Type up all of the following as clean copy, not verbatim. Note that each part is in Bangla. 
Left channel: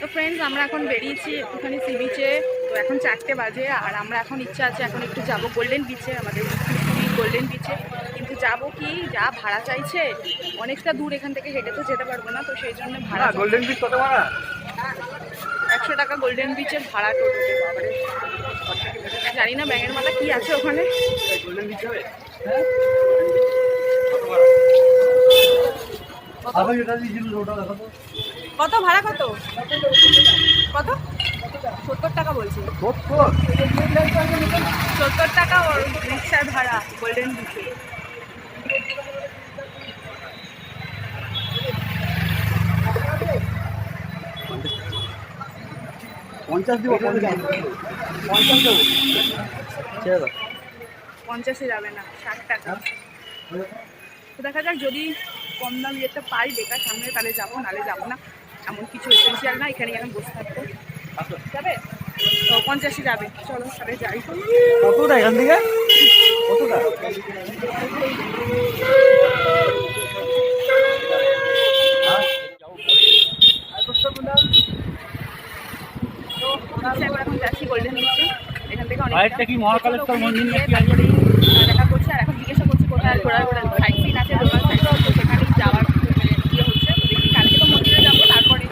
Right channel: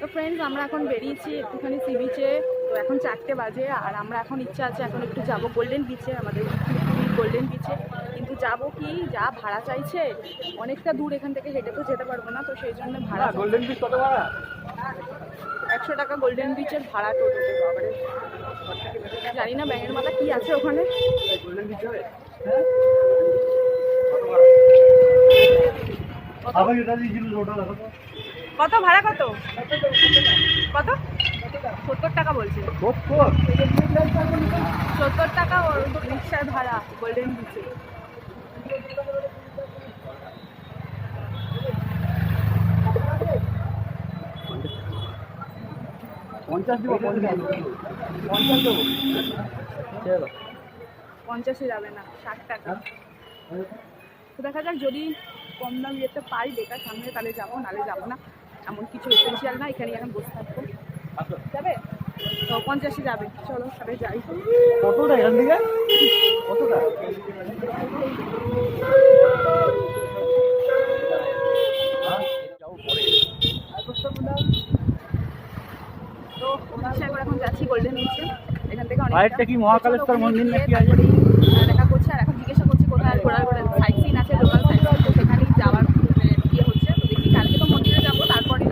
তো ফ্রেন্ডস, আমরা এখন বেরিয়েছি একটুখানি সি বিচে। তো এখন 4টে বাজে, আর আমরা এখন ইচ্ছা আছে এখন একটু যাব গোল্ডেন বিচে, আমাদের পুরীর গোল্ডেন বিচে। কিন্তু যাব কি, যা ভাড়া চাইছে, অনেকটা দূর এখান থেকে, হেঁটে তো যেতে পারবো না, তো সেই জন্য ভাড়া। গোল্ডেন বিচ কত ভাড়া? 100 টাকা গোল্ডেন বিচের ভাড়া টোটোতে। বাবারে, জানি না ব্যাঙের মাথা কি আছে ওখানে। গোল্ডেন বিচ যাবে? কত ভাড়া? কত কত 70 টাকা বলছে। 70 টাকা ওর রিক্সার ভাড়া গোল্ডেন বিচে। পঞ্চাশে যাবে না, 60 টাকা। তো দেখা যাক, যদি কম দাম যেতে পাই বেকার সামনে, তাহলে যাবো, নাহলে যাবো না। এমন কিছু এসেন্সিয়াল না, এখানে এখন বসে থাকবো। যাবে তো 50-এ যাবে, চলো তাহলে যাই। কতটা এখান থেকে? এখন যাচ্ছি গোল্ডেন বিচে, এখান থেকে অনেকটা। কি মহাকালেশ্বর মন্দির তারপরে দেখা করছে, আর এখন জিজ্ঞাসা করছি কোথায় ঘোরার সাইট সিন আছে, লোকাল সাইট সিন, তো সেখানেই যাওয়ার ইয়ে হচ্ছে। তো দেখি, কালকে তো মন্দিরে যাবো, তারপরে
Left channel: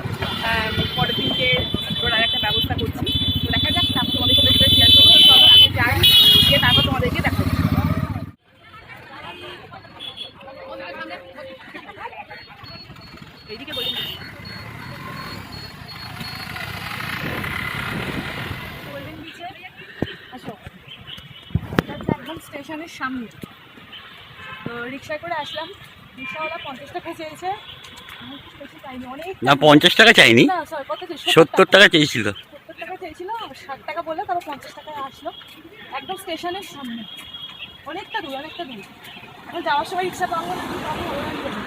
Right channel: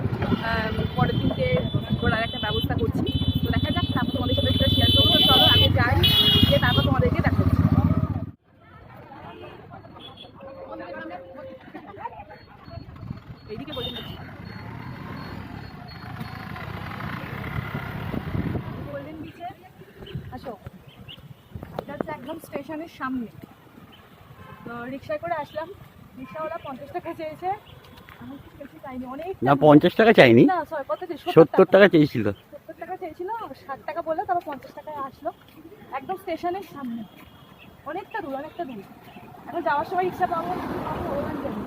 পরের দিনকে ঘোরার একটা ব্যবস্থা করছি। তো দেখা যাক, তারপর তোমাদের সাথে সেটা শেয়ার করবো। তো চলো আগে যাই, গিয়ে তারপর তোমাদেরকে দেখাবো। এইদিকে গোল্ডেন বিচ, গোল্ডেন বিচে আসো। এটা হচ্ছে একদম স্টেশনের সামনে। তো রিক্সায় করে আসলাম, রিক্সাওয়ালা 50 টাকা চেয়েছে। আমি একটু বেশি চাইনি, অনেক না 50 টাকা চাইনি, না, সরি, কত 70 টাকা চেয়েছিল। 70 টাকা চেয়েছিল, 60 টাকা বললে, তারপর 50 টাকায় আসলো। একদম স্টেশনের সামনে, অনেকটা দূর, অনেকটা দূর। এখন যাওয়ার সময় রিক্সা পাবো না, কি পাবো ওরা জানে।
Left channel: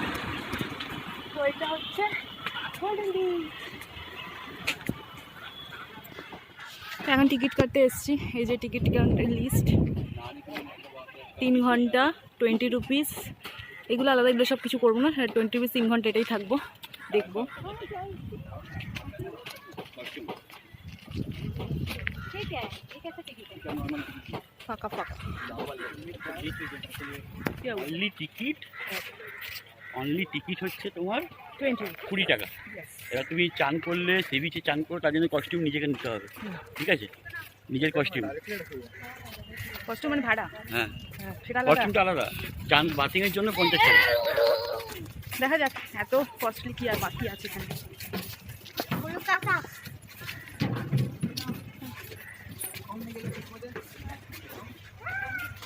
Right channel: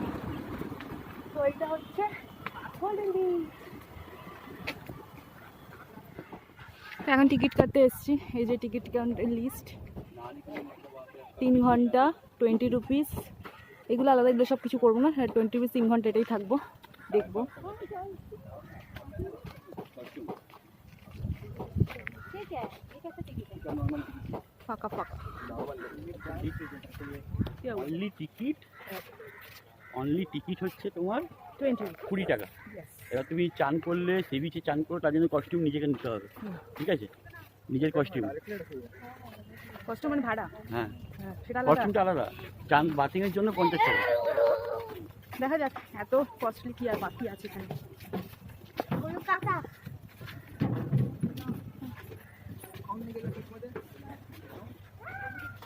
তো এটা হচ্ছে গোল্ডেন বিচ। এখন টিকিট কাটতে এসেছি, এই যে টিকিট কাউন্টার লিস্ট। 3 ঘন্টা 20 রুপিস, এগুলো আলাদা, এগুলো সব কিছু করবো না। 20 রুপিস 3 ঘন্টা, এটাই থাকবো, দেখবো। ফাঁকা ফাঁকা। অনলি টিকিট হচ্ছে তোমার 20 টাকা। Yes. এবার তুমি চান করলে, সি বিচে চান করো, তার জন্য কস্টিউম নিজেকে নিতে হবে, ঠিক আছে? নিজের কস্টিউম। কষ্ট মানে ভাড়া? হ্যাঁ, সেটা আলাদা। কস্টিউমটা আলাদা। চান বাথিংয়ের জন্য 50 টাকা। দেখা যাক, এত কস্টলি কি আর বাকি আছে এখানে।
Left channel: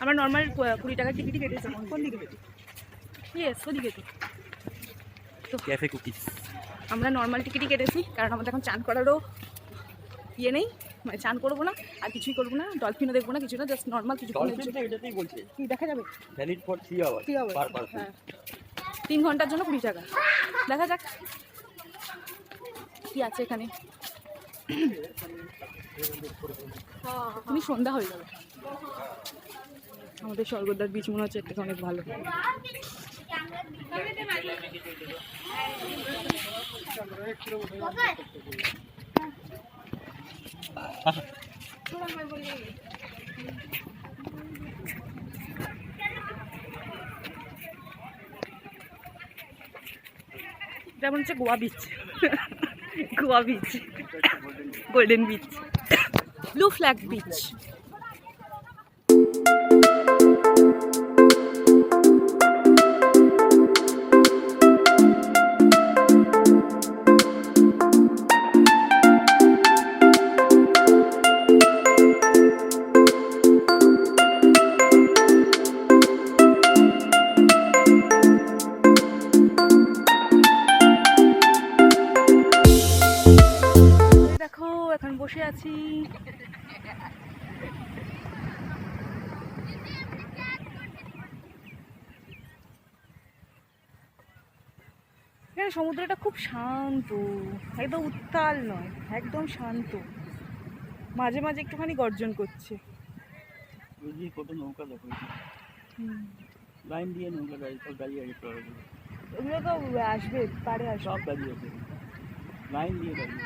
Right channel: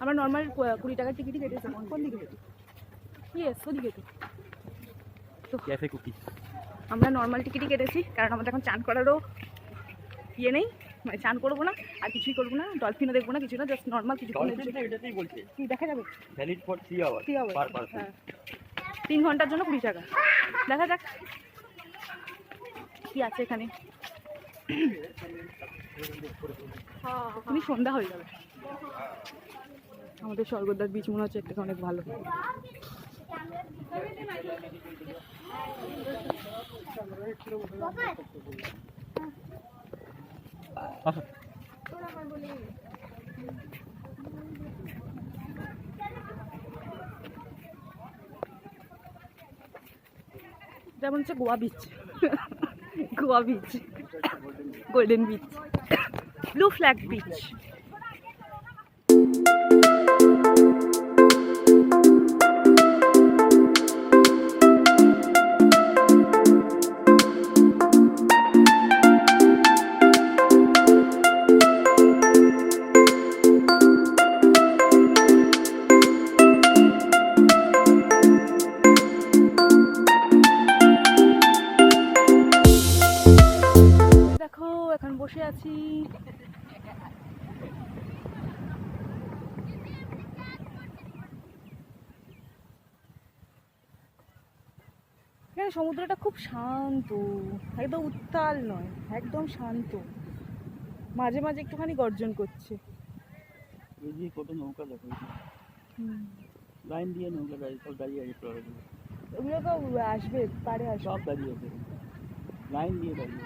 আমরা নর্মাল 20 টাকার টিকিটই কেটেছি। কোন দিকে কেটে? ইয়েস, ওদিকে তো। Cafe cookies. আমরা নর্মাল টিকিটই কেটেছি, কারণ আমাদের এখন চান করারও ইয়ে নেই, মানে চান করবো না, আর কিছুই করবো না, ডলফিনও দেখবো না, কিছু না, জাস্ট নর্মাল কিছু। এটাতেই বলছে কি দেখা যাবে? Valid for 3 hour per person. হ্যাঁ, 3 ঘন্টার জন্য 20 টাকা। দেখা যাক কি আছে এখানে। এখনই সন্ধ্যা হয়ে যাবে। আমাদের স্বর্গদ্বার বিচ মনে হচ্ছে একটা অনেক ভালো। যেমন হচ্ছে Goa beach, Goa beach, golden beach, blue flag beach. দেখো, এখন বসে আছি। এখানে সমুদ্রটা খুব শান্ত, একদম উত্তাল নয়, একদম শান্ত। মাঝে মাঝে একটুখানি গর্জন করছে। কত নৌকা দেখো, লাইন দিয়ে নৌকা দাঁড়িয়ে আছে। ওগুলো তো আসবে, পারে আসবে। সব দাঁড়িয়ে আছে, লাইন দিয়ে দাঁড়িয়ে।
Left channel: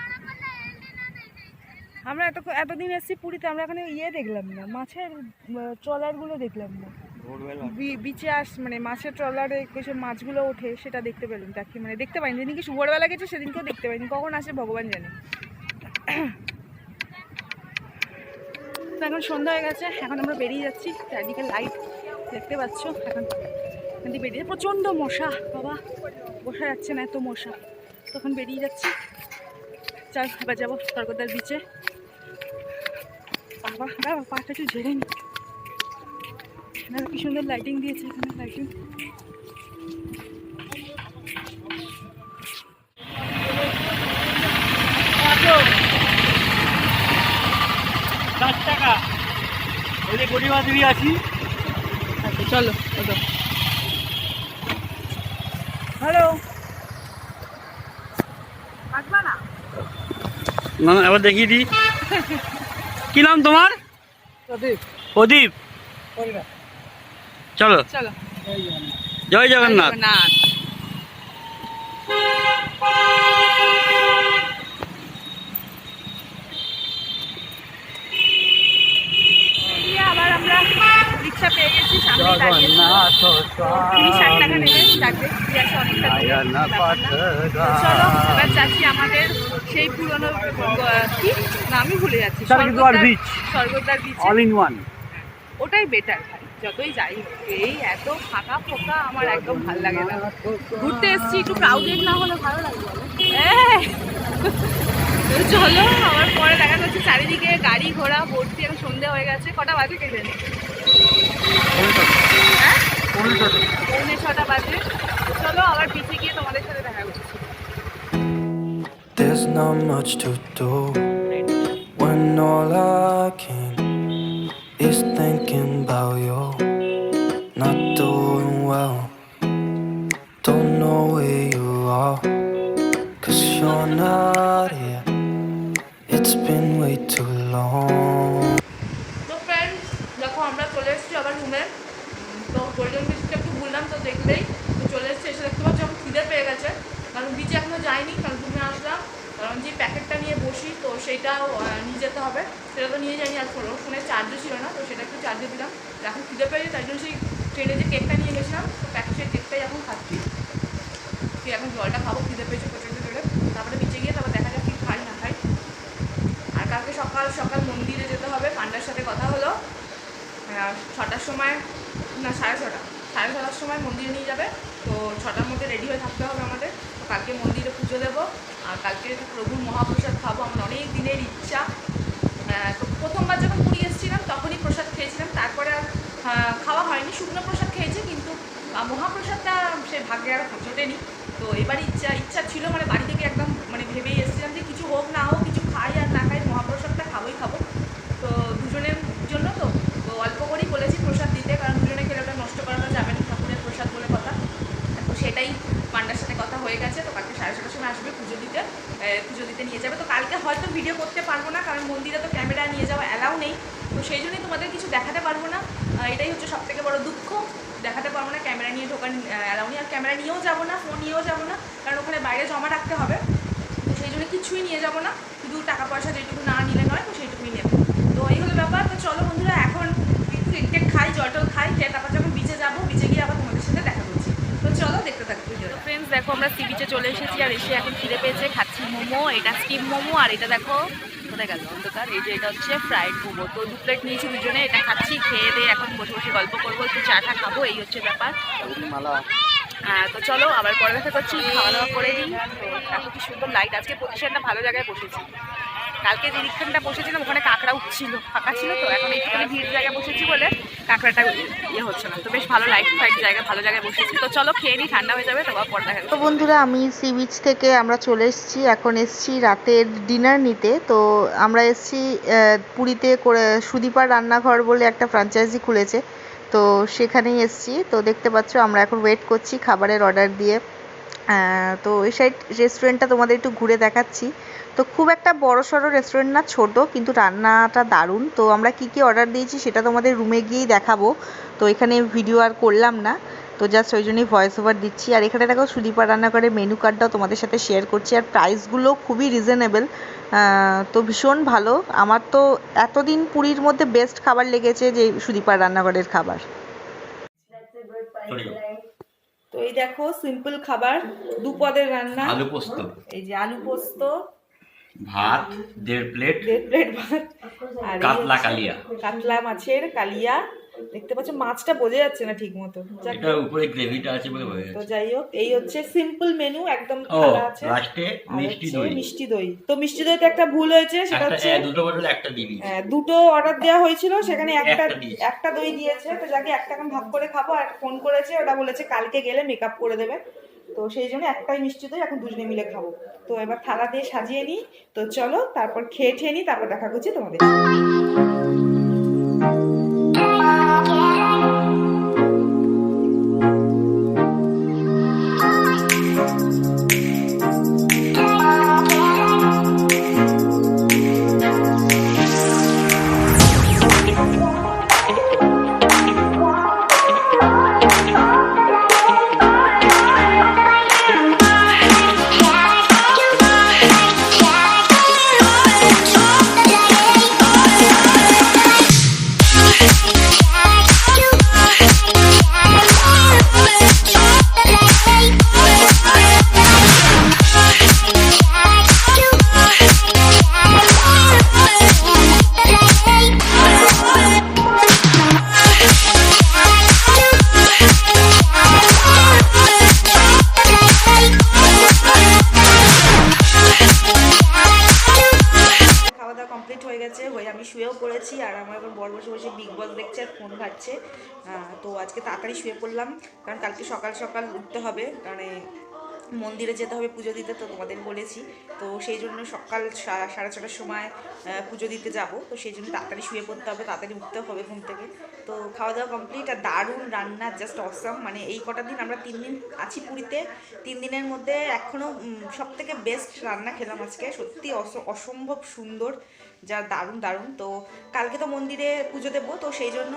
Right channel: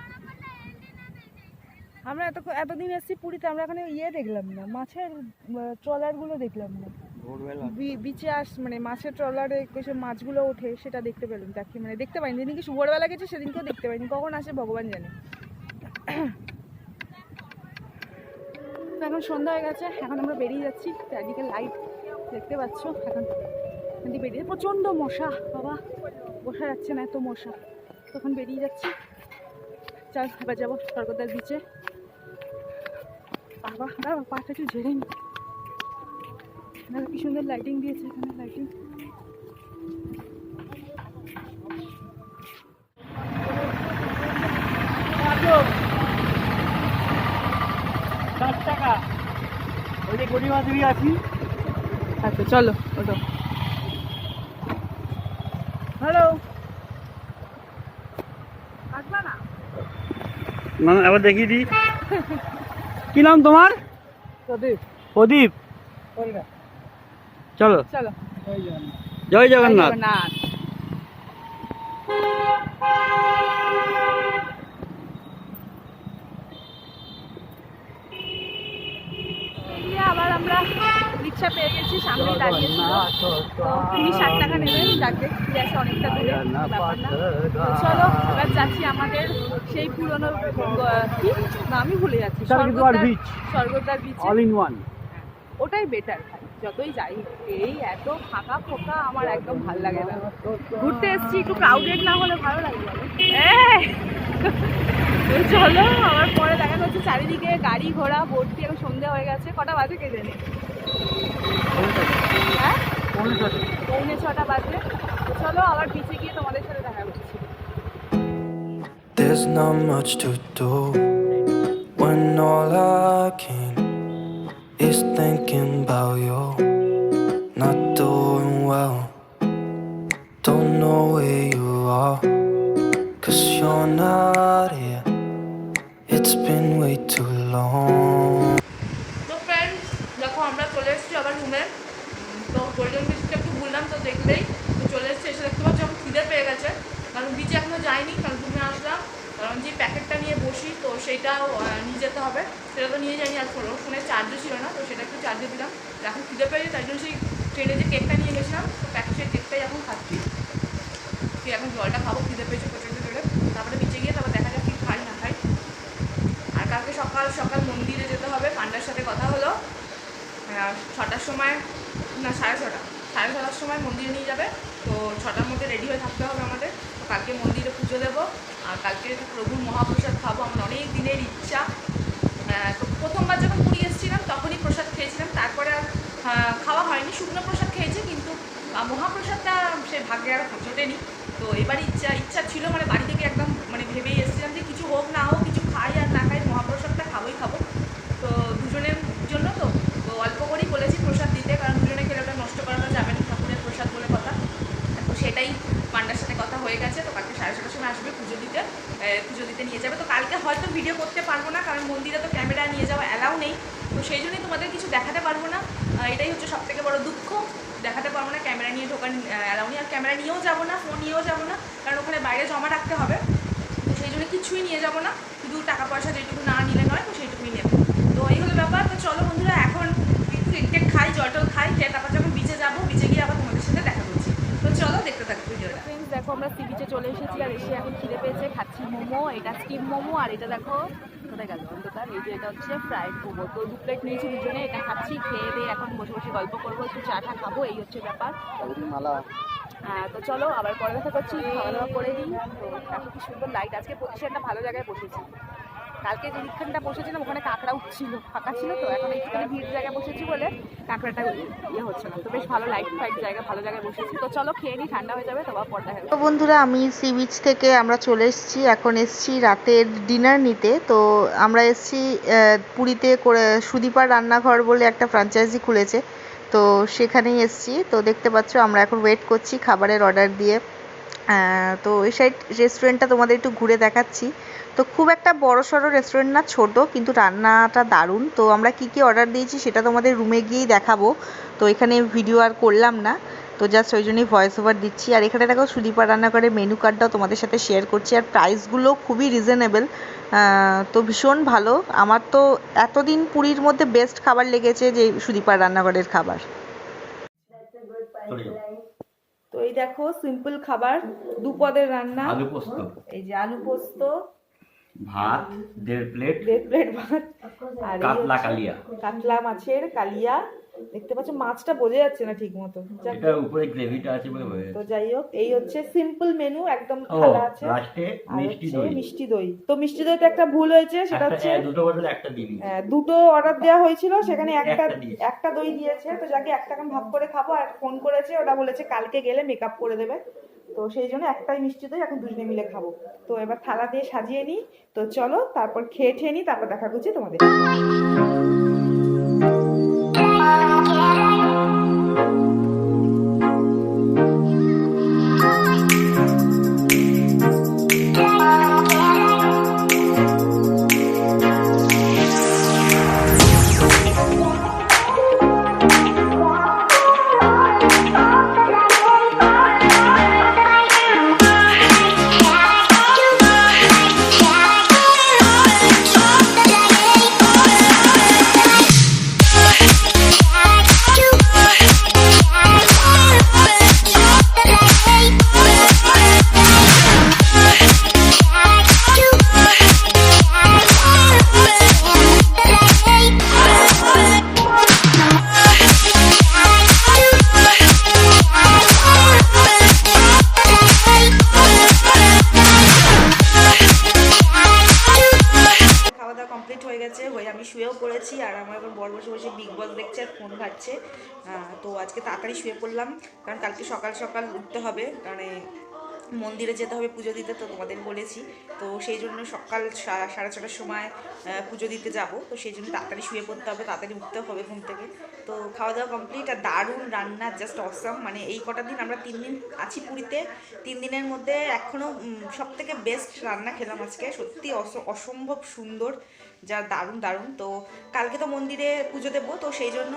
আমরা এতদিন এসেছি পুরীতে, আমরা এখানে দেখলাম না, মাছের ট্রলারগুলো দেখলাম না। বিচে মানে মাছের ট্রলারে সে মাছগুলো ওঠে, সেটা দেখতে পেলাম। দেখতে পাইনি, যেদিনকে ভোরবেলা গেছে সেদিনকেও দেখতে পাইনি, কখন আসে ভগবান জানে। তো এখন সন্ধ্যা হয়ে গেছে, এখন আমরা বেরিয়ে যাচ্ছি। চারদিকে লাইট দেখতে পাচ্ছ। এখন বেরিয়ে প্রচণ্ড মশা, বাবা বসা যাচ্ছে না, এত মশা। তখন বেরিয়ে যাচ্ছি। চল এবার যাবো স্বর্গদ্বার বিচে। বাবা দাঁড়া, পাটা একটু ঝেড়ে নি। কি সুন্দর লাইটিং দিয়েছে এখানে, লাইটিং। টাকা ওই যে গরিবা দেবী আছি। আচ্ছা চলো ওটো। হ্যালো, আসবা না? না এবার দেখিয়ে দিই। কি নাম তোমার? প্রদীপ। প্রদীপ, চলো চলো। জয় জগন্নাথ। আবার আমরা রিক্সা পেয়ে গেছি, সামনে দাঁড়িয়ে। তো 60 টাকা নেবে, ডাকবে আসে অনেকটা দূরে, ব্যাপার না। তো চলো এবার যাচ্ছি আমাদের সেই পুরনো কি না, আমি ভুলে যাচ্ছি, Swargadwar beach. All in one. ওটাই বেটার ভাই, যতই যাই হোক। এই এত ফাঁকা ফোঁকা আমার একদম ভালো লাগে না। ঘুরতে এসেছি, একটু ক্রাউডেড না হলে ভালো লাগে বলো? তো চলো, আবার পরে দেখা যাচ্ছে চারিদিকে গাড়ি ঘোড়া ভর্তি। এখন সন্ধে হয়ে গেছে, কটা বাজে কে জানে? হ্যাঁ, 6:45 বাজে। চলো আবার বিচে গিয়ে তোমাদের সাথে দেখা করছি। There's not much to do when all I can is thinking about you. Not doing well, don't know where you are, 'cause you're not here. It's been way too long. তো ফ্রেন্ডস দেখো, আমরা চলে এসেছি আবার রুমে। তো গোল্ডেন বিচটা একটু ঘুরলাম, তো দেখলেই তো চলে এসেছি। এসে দেখতে পাচ্ছি যখন খিদে পেয়ে গেছে, কারণ বিচে এখনও যাইনি, কারণ রুমে আসলাম। কারণ যে প্যাকেটটা নিয়ে বসি, তো সেইটাও নিয়ে যেতে হবে, সেটা তো নিয়ে যাইনি। আর ফোনে চার্জও ছিল না, তো সেটা একটু চার্জে দিলাম। এখন খিদে পেয়েছে, তাই জন্য সেই ট্রেনে যে কেকটা নিয়ে গেছিলাম, তো সেই কেকটাই এখন খাচ্ছি। এখন জলটা খাবো, খিদে পেয়েছে প্রচণ্ড জোরে। তারপরে বিচে গিয়ে তারপর দেখা যাক কি খাই না খাই। আর কালকে সকাল সকাল মন্দিরে যেতে হবে। পান্ডার সাথে কথা হলো, 6টার সময় না 6:30 সময় মন্দিরে নিয়ে যাবে। তো 6টার মধ্যে রেডি হয়ে থাকতে হবে আমাদের। তো কালকে মন্দিরে পুজো দেবো, আর কালকে প্রভুর মহাপ্রসাদ খাবো। আমার অনেক দিনের ইচ্ছা। তো প্রথমবার যখন পুরী এসেছিলাম তখনই প্রসাদ খেয়েছিলাম, তারপরে আর খাওয়া হয়নি। শুকনো প্রসাদ খেয়েছি, কিন্তু মহাপ্রসাদটা সে ভাগ্যে আর জোটেনি। তো এবার ইচ্ছা ছিল, মানে বাড়ি থেকে একদম ভেবেই এসেছিলাম যে কিছু হোক না হোক, কিছু খাই আর না খাই, মহাপ্রসাদটা খাবোই খাবো। তো দুজনের জন্য তো অল্প করেই বলেছি প্রসাদ দিতে, কারণ দুজনে খেলে ওটা নষ্ট করানো যাবে না, ঠাকুরের প্রসাদ বলে কথা। তো সেটাই পান্ডার সাথে কথা হয়ে গেছে। তো কালকে 6:30 সময় আসবে, পুজো দিতে নিয়ে যাবে। তো কালকে হয়তো ভিডিও করতে পারবো না, কারণ মন্দিরে তো ক্যামেরা নিয়ে যাওয়া অ্যালাউ নেই। তো সেই জন্যই তোমাদের কিছু দেখাতে পারবো না। এটাই হচ্ছে সবথেকে বড় দুঃখ, দেখাতে পারবো না। ক্যামেরা নিয়ে ঢোকার অ্যালাউ নেই, আর ক্যামেরা নিয়েও যাবো না, ফোন নিয়েও যাবো না, কারণ ওখানে বাইরে জমা রাখতে হবে। তো সেই জন্য কিছুই নিয়ে যাবো না, শুধু টাকা পয়সা যেটুকু না নিলে নয়, তো সেইটুকুই নেব। তো এই হলো ব্যাপার। তো চলো বন্ধুরা, এখন কেক খাই, জলটল খাই, খেয়ে তারপর যখন বিচে যাবো, বিচে গিয়ে আবার তোমাদের সাথে দেখা করছি। তো চলো দেখতে থাকো ভিডিওটা। ফ্রেন্ডস দেখো, আমরা সি বিচে চলে এসেছি, আর এসে এখন খিদে পেয়েছে, খাচ্ছি মোমো। এটা স্টিম মোমো, আর এটা দেখো কোথায় গেল অন্ধকার। এই যে এটা হচ্ছে ফ্রাইড মোমো। তো 2 প্লেট নিয়েছি দুজনে, এটা খাচ্ছি। খেয়ে দিয়ে এখন বসে বসে গল্প করবো, একটু চাটা খাবো, এই হচ্ছে ব্যাপার। তো চলো আবার পরে দেখা করছি, খাওয়া দাওয়া করে দিই। তো এত কি সুন্দর লাইট, আজকে পজিশনটা ভালো জায়গায় বসেছি। কালকে যে রিক্সানটা বসেছিলাম ওখানে কাঁকড়া উঠছিল, ফাঁকা ছিল। তো এখন এইখানে ভিড় জায়গায় বসেছি বলে কাঁকড়াটা হচ্ছে না। তো বেশ ভালো লাইট ফাইট জায়গায়, ভালো জায়গায় বসেছি। তো চলো খেয়ে নিই, ঠান্ডা হয়ে যাবে, তোমার পর দেখা। তো বন্ধুরা, আমি সি বিচ থেকে আমরা চলে এসেছি। এখন এসেছি রাতের ডিনার নিতে। তো আমরা এসেছি পুরীতে করে সুদীপার রান্নাঘর বলে একটা ফ্র্যাঞ্চাইজি খুলেছে, তো সেখানেই এসেছি। তো দেখতে পাচ্ছ আমরা এখন ওয়েট করছি খাবারের অর্ডার দিয়ে। তো এই সাইড রেস্টুরেন্টটা তোমাদের একটু ঘুরে দেখাচ্ছি। তো খুব একটা বড় সড়ো রেস্টুরেন্ট না, ছোট, কিন্তু রান্নাটা দারুণ। তো আমরা কি অর্ডার দিয়েছি সেটা তোমাদের রুমে গিয়েই দেখাবো, তো এখানে ভিডিও আর করলাম না। তো জাস্ট ওই জন্যই ভয়েস ওভার দিচ্ছি। আর এখানে দেখো সুদীপা রান্নাঘরের মেনু কার্ডটাও তোমাদের সাথে শেয়ার করছি। আর প্রাইসগুলো খুবই রিজনেবল, তো ভীষণ ভালো। আমার তো এতদিন পুরীর মধ্যে বেস্ট খাবার লেগেছে যে সুদীপার রান্নাঘরের খাবার। চলে যাও। তো এই দেখো সিম্পল খাবার, দুপদের রান্না। আলু পোস্ত, এই যে আলু পোস্ত, ভাত 1.5 প্লেট, 1.5 প্লেট ভাত, আর এই কাতলা হচ্ছে কালিয়া। কাতলা মাছের কালিয়া। দেখতে পাচ্ছ মাছটা বোঝা যাচ্ছে না ঠিক মতো, এটা উপরে গ্রেভিটা আছে বলে বোঝা তো যাচ্ছে। যাই হোক এই হচ্ছে সিম্পল মেনু, একদম ও খালা আছে। লাস্টে আর মিষ্টি হচ্ছে দই। মিষ্টি দই। তো মিষ্টি দইতে একটা ভুল হয়েছে, সেটা একটা হচ্ছে দুটো বটল একটা দিবি। দুটো অর্ডার দেওয়া হয়েছিল, সেখানে একটা দিয়েছে। একটা দই দিয়েছে। তো যাকে একটা এখন ভাগ করে খাবো। আর ফোন করেছে, ওটা বলেছে কালকে গেলে মেকআপ করে দেবে। তো সেই জন্য একটাই মিষ্টি দই এখন দুজনে মিলে খাবো। তো এবার থালা দিয়ে সাজিয়ে নিই। তো চলো তারপর খেয়ে নিই, তারপর দেখা করছি তোমাদের। খাওয়া দাওয়া কমপ্লিট হয়ে গেছে, আমি শুয়েও পড়েছি। আর আমার এখন বড় বসে বসে বিগ বস দেখছে আর ফোন ঘাটছে। তো আজকে তাড়াতাড়ি শুয়ে পড়লাম, কারণ কালকে সকাল সকাল উঠতে হবে, কারণ মন্দিরে যেতে হবে পুজো দিতে। তো তোমাদের বলেছি, তো সেই জন্য সকাল 6:30টার সময় পুজো দিতে যাব। তো সেই জন্য তাড়াতাড়ি শুয়ে পড়তে হবে, তাড়াতাড়ি উঠতে হবে ঘুম থেকে। তো খাওয়া দাওয়া কমপ্লিট। আর দারুণ রান্না, জাস্ট অসাম। মানে এই কটা দিন আমরা 3 দিন আছি পুরীতে, 3 দিনের মধ্যে এখনও সব থেকে বেস্ট রান্না খেলাম আজকে। সত্যি অসম্ভব সুন্দর, যা দারুণ দারুণ। তো কালকে তো মন্দিরে পুজো দেবো, তো সেই জন্য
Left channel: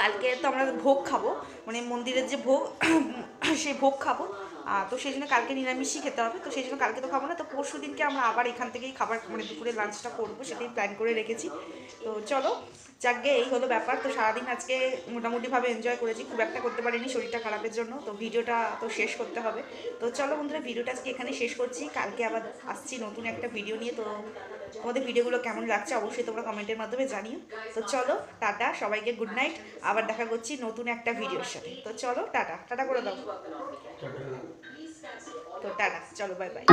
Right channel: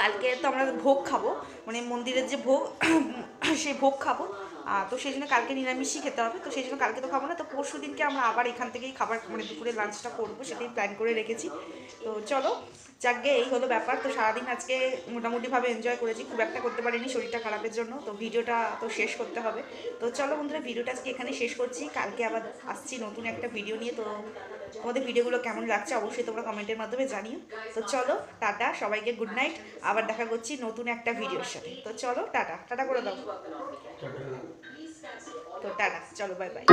কালকে তো আমরা ভোগ খাবো, মানে মন্দিরের যে ভোগ সেই ভোগ খাবো। তো সেই জন্য কালকে নিরামিষই খেতে হবে। তো সেই জন্য কালকে তো খাবো না। তো পরশু দিনকে আমরা আবার এখান থেকেই খাবার, মানে দুপুরে লাঞ্চটা করবো, সেটাই প্ল্যান করে রেখেছি। তো চলো যাকগে, এই হলো ব্যাপার। তো সারাদিন আজকে মোটামুটিভাবে এনজয় করেছি, খুব একটা করতে পারিনি শরীরটা খারাপের জন্য। তো ভিডিওটা তো শেষ করতে হবে। তো চলো বন্ধুরা, ভিডিওটা আজকে এখানে শেষ করছি। কালকে আবার আসছি নতুন একটা ভিডিও নিয়ে। তো তোমাদের ভিডিওগুলো কেমন লাগছে অবশ্যই তোমরা কমেন্টের মাধ্যমে জানিও। তো চলো টাটা, সবাইকে গুড নাইট। আবার দেখা করছি নতুন একটা ভিডিওর সাথে। তো চলো টাটা, টাটা করে দাও। তো টাটা, চলো বাই বাই।